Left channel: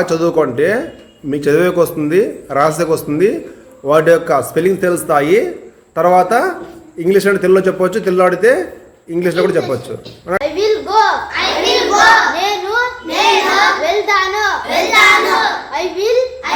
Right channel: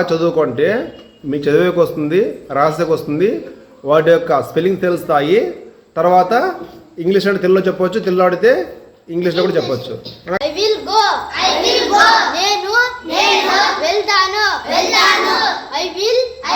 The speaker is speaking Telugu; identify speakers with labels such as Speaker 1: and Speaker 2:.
Speaker 1: చదువుకుంటే మీకు చదివేకి వస్తుంది రాసేకి వస్తుంది. వాటి యొక్క స్పెల్లింగ్ తెలుస్తాయి. తర్వాత ఇంగ్లీష్ అంటే తెలుగులో చెప్పవచ్చు తెలుగు ఆడితే ఇంగ్లీష్లో కూడా చెప్పవచ్చు.
Speaker 2: నేను నేను వెళ్తాను. వెళ్తాను. I will I